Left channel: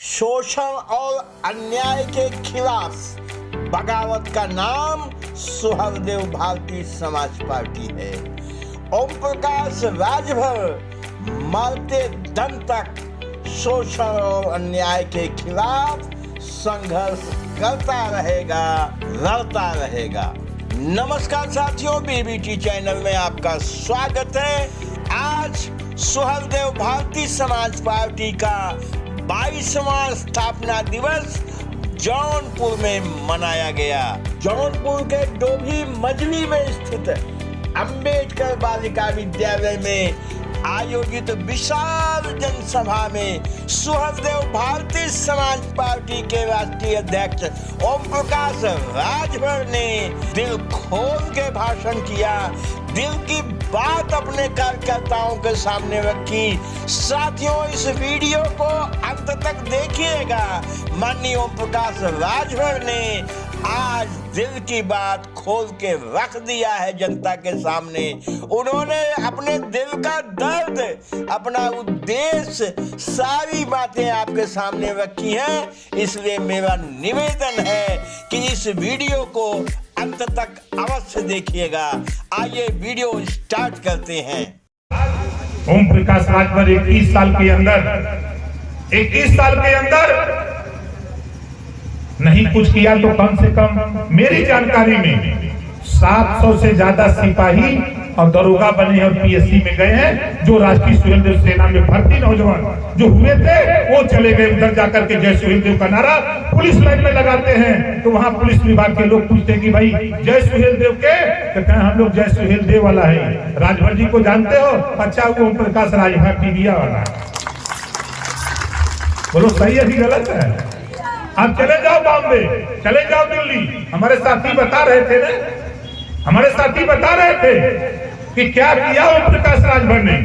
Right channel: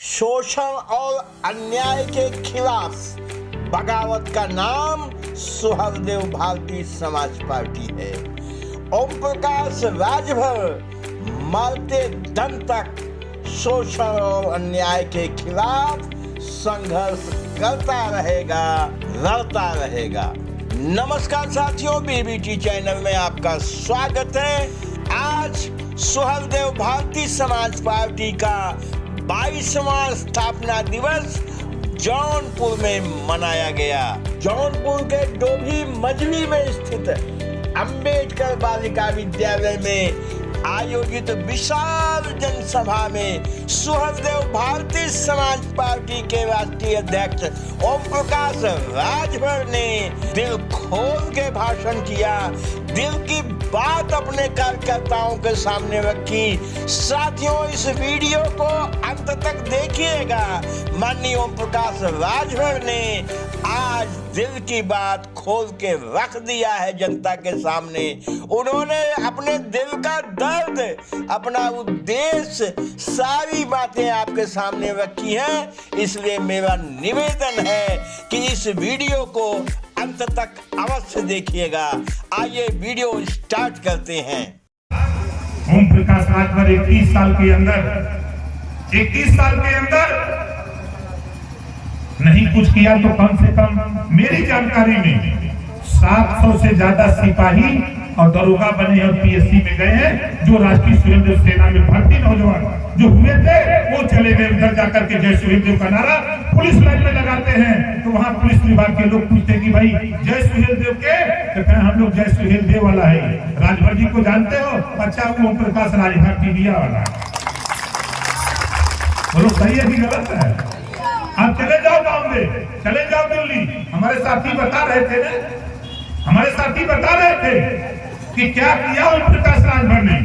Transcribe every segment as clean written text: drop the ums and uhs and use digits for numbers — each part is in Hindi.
शोषण और अन्याय के खिलाफ बगावत का नाम सुहलदेव भारतीय समाज पार्टी है। ओम प्रकाश राजभर मरते दम तक शोषण और अन्याय के खिलाफ संघर्ष करता रहेगा, लड़ता रहेगा। नमस्कार साथियों, बीबीटी चैनल में आपका स्वागत है। आज सुहलदेव भारतीय समाज पार्टी का 22वां स्थापना दिवस जौनपुर में मनाया गया। जौनपुर के डोभी मजली में स्थित अंबेडकर बालिका विद्यालय में आयोजित विशाल जनसभा में सुहलदेव भारतीय समाज पार्टी के राष्ट्रीय अध्यक्ष ओम प्रकाश राजभर ने दिल खोल के भाषण किया, दिल की बात अपने कार्यकर्ताओं के सामने रखी। साथियों, इस वीडियो को अंत तक देखिएगा। माननीय ओम प्रकाश राजभर ने आज दिल की बात खोल के रख दिया है जनता के सामने। उन्होंने अपने दिल का दर्द, अपना उद्देश्य, सारी बातें आपके सामने रखी हैं। इसलिए मेरा निवेदन है कि इस वीडियो को अंत तक अवश्य देखिएगा। आइए वीडियो स्टार्ट करते हैं। ओम प्रकाश राजभर 21 साल के अंदर नहीं कुछ किया तो कम से कम मेरी जानकारी में 700 से ज्यादा सिपाही और दरोगा बने हैं, पीएससी में गए हैं। जो राष्ट्रीय सुहलदेव सेना में भर्ती नौजवान जो हुए थे वो चले गए उधर जाकर के जय सुहलदेव का नारा पुलिस लाइन में लगाते हैं। तो वहाँ पुलिस विभाग के लोग पूछते हैं कि भाई जय सुहलदेव के, तो कहते हैं हम लोग जय सुहलदेव वाला है। राजभर जी को जानते हो? अच्छा, वो ओम प्रकाश राजभर टीविया वाला। बोलो सही है कि गलत है? आप चले जाओ बॉम्बे, चले जाओ दिल्ली। हमारे साथी बता रहे थे कि क्या किया ओम प्रकाश राजभर ने।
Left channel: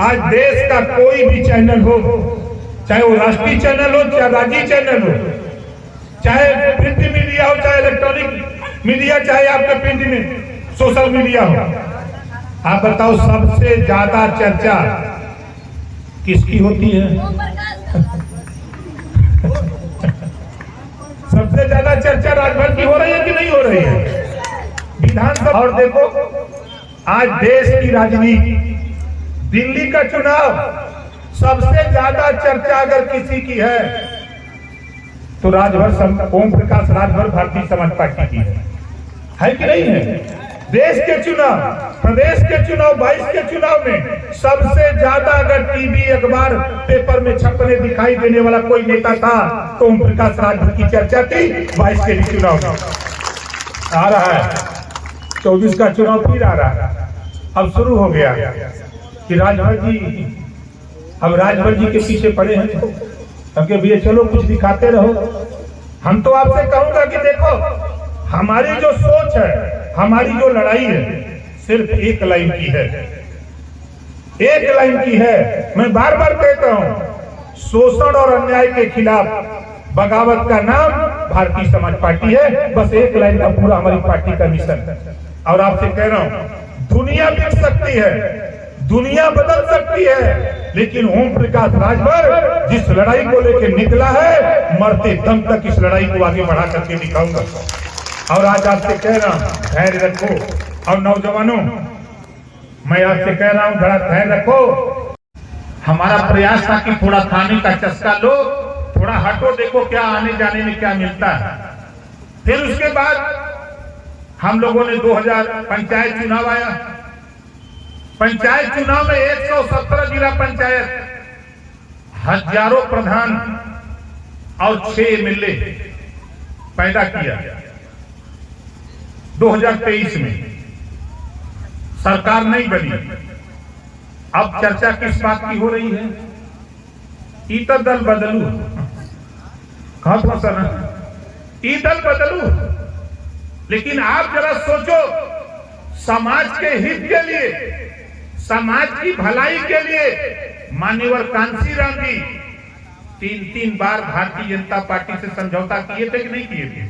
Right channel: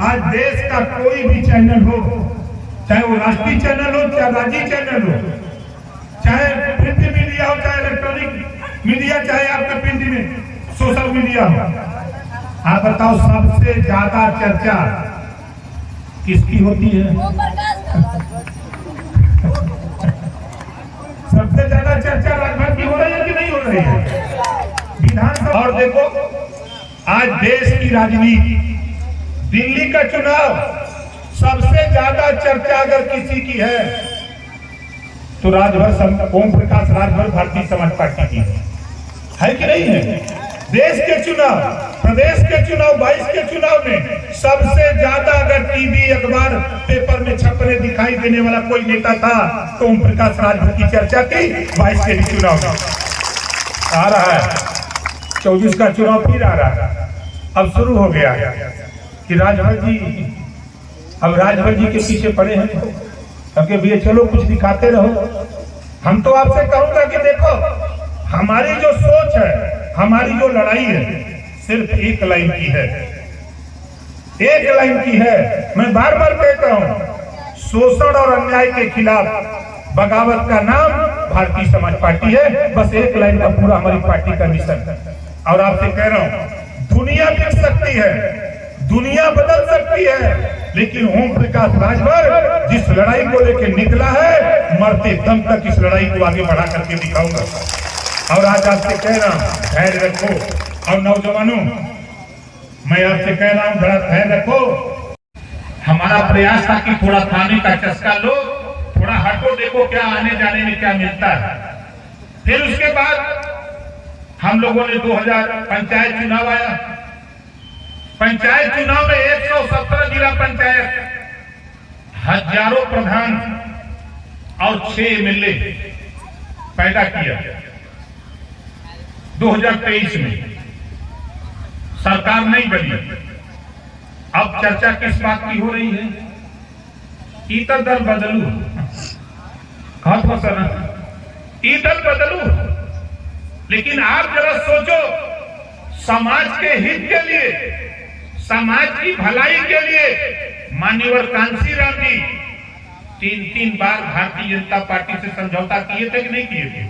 आज देश का कोई भी चैनल हो, चाहे वो राष्ट्रीय चैनल हो, चाहे राज्य चैनल हो, चाहे प्रिंट मीडिया हो, चाहे इलेक्ट्रॉनिक मीडिया, चाहे आपके प्रिंट में सोशल मीडिया हो, आप बताओ सबसे ज्यादा चर्चा किसकी होती है? सबसे ज्यादा चर्चा राजभर की हो रही है कि नहीं हो रही है विधानसभा? और देखो आज देश की राजनीति, दिल्ली का चुनाव, सबसे ज्यादा चर्चा अगर किसी की है तो राजभर, ओम प्रकाश राजभर भारतीय समाज पार्टी की है कि नहीं है? देश के चुनाव, प्रदेश के चुनाव, 22 के चुनाव में सबसे ज्यादा अगर टीवी, अखबार, पेपर में छपने दिखाई देने वाला कोई नेता था तो ओम प्रकाश राजभर की चर्चा थी। 22 के भी चुनाव आ रहा है, 24 का चुनाव फिर आ रहा है। अब शुरू हो गया कि राजभर जी के पीछे पड़े हैं, क्योंकि भैया चलो कुछ दिखाते रहो। हम तो आपसे कहूंगा कि देखो, हमारी जो सोच है, हमारी जो लड़ाई है, सिर्फ एक लाइन की है, एक लाइन की है। मैं बार बार कहता हूं, शोषण और अन्याय के खिलाफ बगावत का नाम भारतीय समाज पार्टी है। बस एक लाइन का पूरा हमारी पार्टी का मिशन। और आपसे कह रहा हूं, दुनिया बिक सकती है, दुनिया बदल सकती है, लेकिन ओम प्रकाश राजभर जिस लड़ाई को लेकर निकला है, मरते दम तक इस लड़ाई को आगे बढ़ा करके दिखाऊंगा। और आज आपसे कह रहा हूं, धैर्य रखो। और नौजवानों, मैं आपसे कह रहा हूं, बड़ा धैर्य रखो। हमारा प्रयास था कि थोड़ा खाने का चस्का लो, थोड़ा हटो, देखो क्या आने जाने में क्या मिलता है। फिर उसके बाद हम लोगों ने 2000 पंचायत चुनाव आया। पंचायत चुनाव में 117 जिला पंचायत, हजारों प्रधान और 6 एमएलए पैदा किया। 2023 में सरकार नहीं बनी। अब चर्चा किस बात की हो रही है? ईतर दल बदलू, दल बदलू। लेकिन आप जरा सोचो, समाज के हित के लिए, समाज की भलाई के लिए मान्यवर कांशीराम जी 3 बार भारतीय जनता पार्टी से समझौता किए थे कि नहीं किए थे?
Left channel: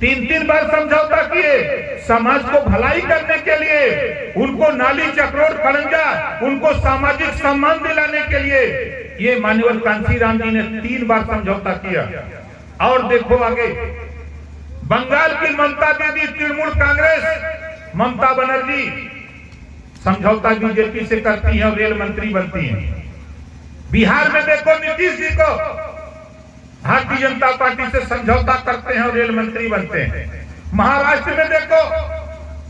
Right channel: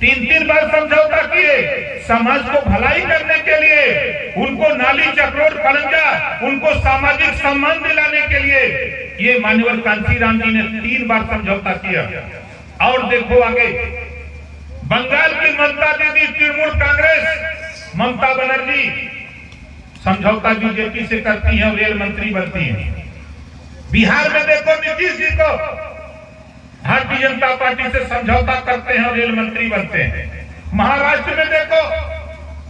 3 बार समझौता किए समाज को भलाई करने के लिए, उनको नाली चक्रोट खलंजा, उनको सामाजिक सम्मान दिलाने के लिए ये मान्यवर कांशीराम जी ने 3 बार समझौता किया। और देखो आगे, बंगाल की ममता दीदी, तृणमूल कांग्रेस ममता बनर्जी समझौता बीजेपी से करती है और रेल मंत्री बनती है। बिहार में देखो नीतीश जी को भारतीय जनता पार्टी से समझौता करते हैं और रेल मंत्री बनते हैं। महाराष्ट्र में देखो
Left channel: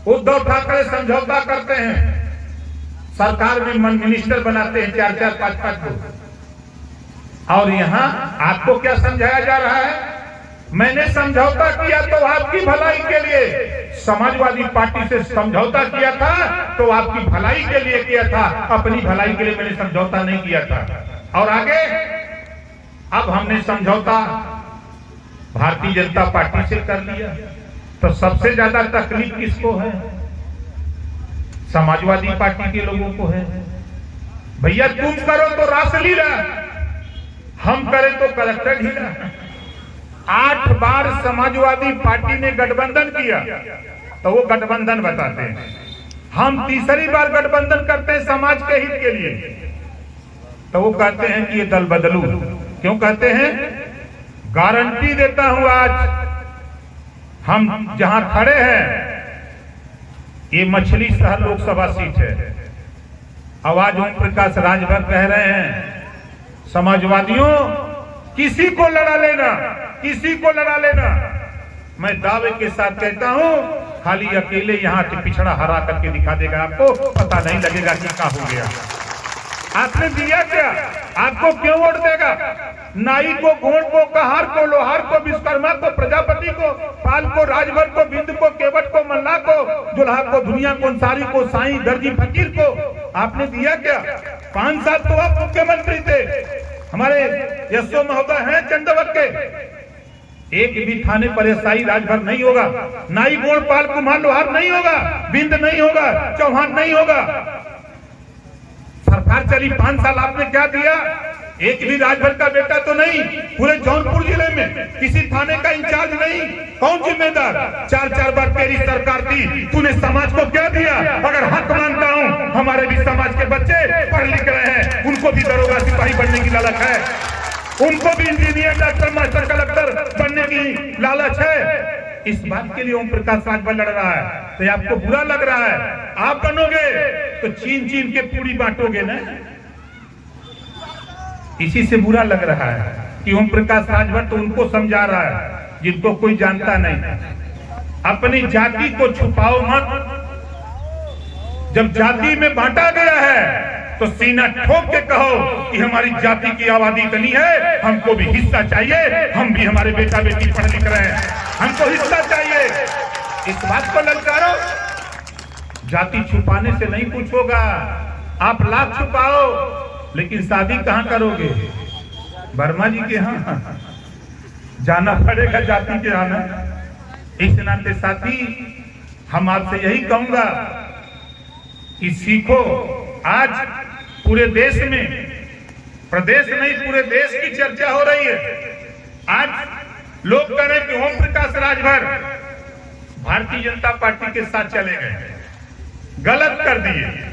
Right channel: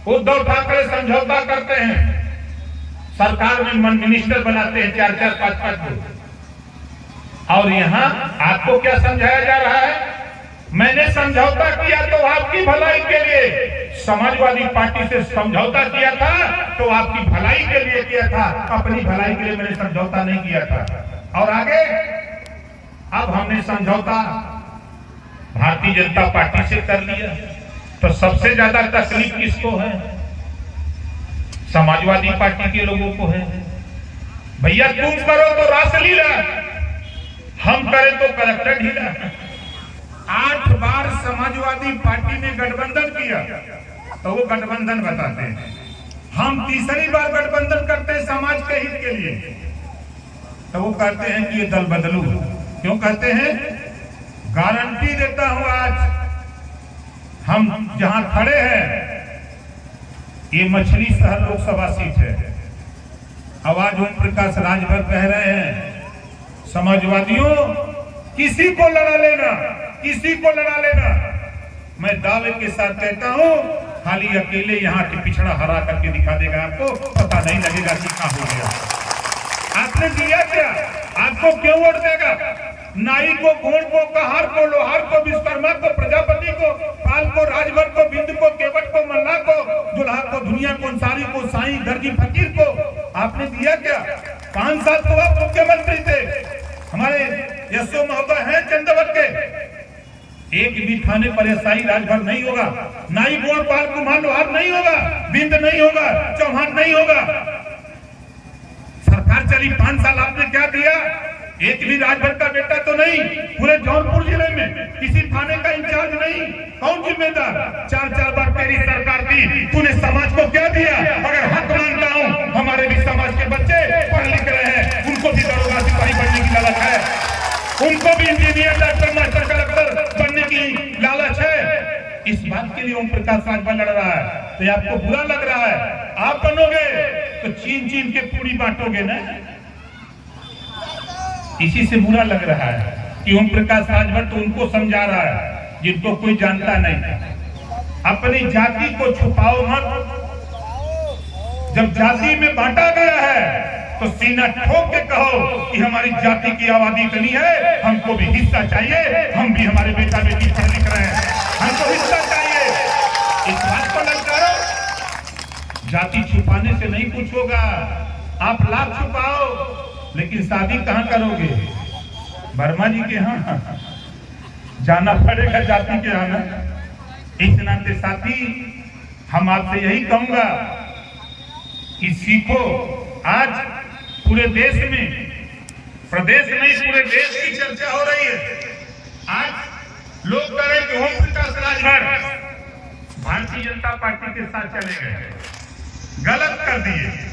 उद्धव ठाकरे समझौता करते हैं, सरकार में मिनिस्टर बनाते हैं 4-4, 5-5 लोग। और यहां आपको क्या समझाया जा रहा है? मैंने समझौता किया तो आपकी भलाई के लिए, समाजवादी पार्टी से समझौता किया था तो आपकी भलाई के लिए किया था, अपनी भलाई के लिए मैंने समझौता नहीं किया था। और आगे अब हमने समझौता भारतीय जनता पार्टी से कर लिया, तो सबसे ज्यादा तकलीफ किसको है? समाजवादी पार्टी के लोगों को है। भैया तुम करो तो रासलीला, हम करें तो कलेक्टर ढीला। 8 बार समाजवादी पार्टी ने गठबंधन किया तो वो गठबंधन बताते हैं। हम तीसरी बार गठबंधन करते हैं समाज के हित के लिए, तो वो कहते हैं कि ये दल बदलू। क्यों कहते हैं? गारंटी देता हूं आज हम जहां खड़े हैं, ये मछली शहर लोकसभा सीट है। आवाज ओम प्रकाश राजभर कह रहे हैं, समाजवादियों किसी को लड़ा लेना, किसी को लड़ा लेना। मैं दावे के साथ कहता हूं, खाली अकेले यहां के पिछड़ा हरा करके दिखा देगा, आपको पता नहीं लगेगा कि क्या हो गया। आपने दिया क्या? आपको क्यों वोट देगा? नाई को, गोंड को, कहार को, लोहार को, विश्वकर्मा को, प्रजापति को, पाल को, राजभर को, बिंद को, केवट को, मल्ला को, जुल्हा को, दुनिया को, अंसारी को, साईं, दर्जी, फकीर को आपने दिया क्या? 5 साल तो आप मुख्यमंत्री थे। हमारे यशो महोदय हैं चंदवत के, एक भी थाने पर एसआई राजभर नहीं होगा, नाई, गोंड, पाल, कुम्हार, लोहार नहीं होगा, बिंद नहीं होगा, चौहान नहीं होगा। सरकार चली 5 साल, आपने क्या दिया? एक भी राजभर का बेटा तो नहीं, पूरे जौनपुर जिले में किसी थाने का इंचार्ज नहीं। कौन जिम्मेदार? 4-4 बार तेरी सरकार थी, तूने समाज को क्या दिया? अगर हक मानता हूं, हमारे भी समाज के बच्चे पढ़ लिख रहे हैं, उनको भी दरोगा सिपाही बनने की लालच है, उनको भी इंजीनियर, डॉक्टर, मास्टर, कलेक्टर बनने की लालच है। इस बात के लिए ओम प्रकाश राजभर लड़ रहा है, तो आपको बुरा लग रहा है? आप बनोगे तो छीन छीन के पूरी बांटोगे ना। इसी से बुरा लग रहा है कि ओम प्रकाश राजभर तो उनको समझा रहा है जिनको कोई जानता नहीं। अपनी जाति को छुपाओ मत। जब जाति में बांटा गया है तो सीना ठोक के कहो कि हमारी जाति की आबादी इतनी है, हमको भी हिस्सा चाहिए, हम भी, हमारे बेटा बेटी पढ़ लिख रहे हैं, हमको हिस्सा चाहिए। इस बात को ललकारो। जाति छुपाने से नहीं कुछ होगा। आप लाख छुपाओ, लेकिन शादी कहां करोगे? वर्मा जी के यहां जाना पड़ेगा, जाति के आना। इस नाते साथी हम आपसे यही कहूंगा कि सीखो। आज पूरे देश में, प्रदेश नहीं पूरे देश की चर्चा हो रही है। आज लोग कह रहे हैं कि ओम प्रकाश राजभर भारतीय जनता पार्टी के साथ चले गए, गलत कर दिए।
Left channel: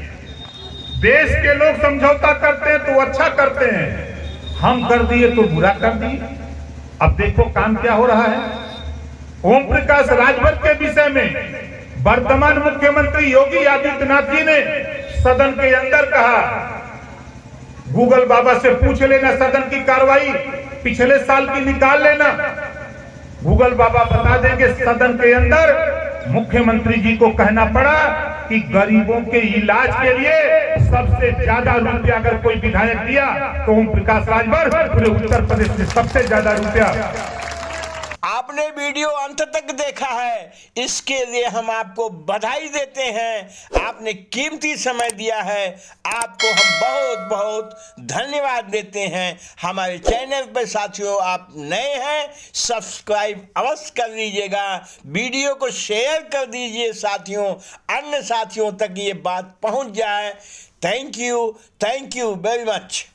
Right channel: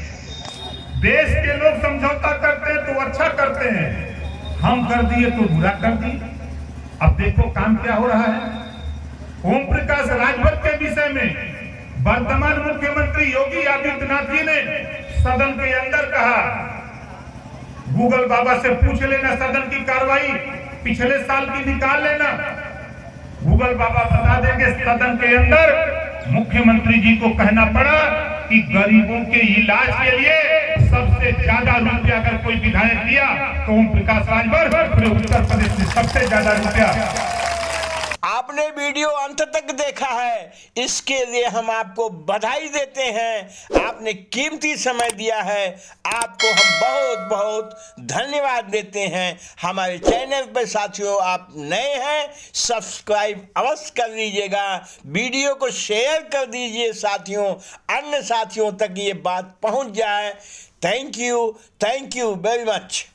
देश के लोग समझौता करते हैं तो अच्छा करते हैं, हम कर दिए तो बुरा कर दिए। अब देखो काम क्या हो रहा है। ओम प्रकाश राजभर के विषय में वर्तमान मुख्यमंत्री योगी आदित्यनाथ जी ने सदन के अंदर कहा, गूगल बाबा से पूछ लेना सदन की कार्रवाई पिछले साल की निकाल लेना, गूगल बाबा बता देंगे। सदन के अंदर मुख्यमंत्री जी को कहना पड़ा कि गरीबों के इलाज के लिए सबसे ज्यादा रुपया अगर कोई विधायक दिया तो ओम प्रकाश राजभर पूरे उत्तर प्रदेश में सबसे ज्यादा रुपया। आपने वीडियो अंत तक देखा है, इसके लिए हम आपको बधाई देते हैं। आपने कीमती समय दिया है, आपको हम बहुत बहुत धन्यवाद देते हैं। हमारे चैनल पर साथियों आप नए हैं, सब्सक्राइब अवश्य कर लीजिएगा, वीडियो को शेयर कर दीजिए साथियों, अन्य साथियों तक ये बात पहुंच जाए। Thank you very much.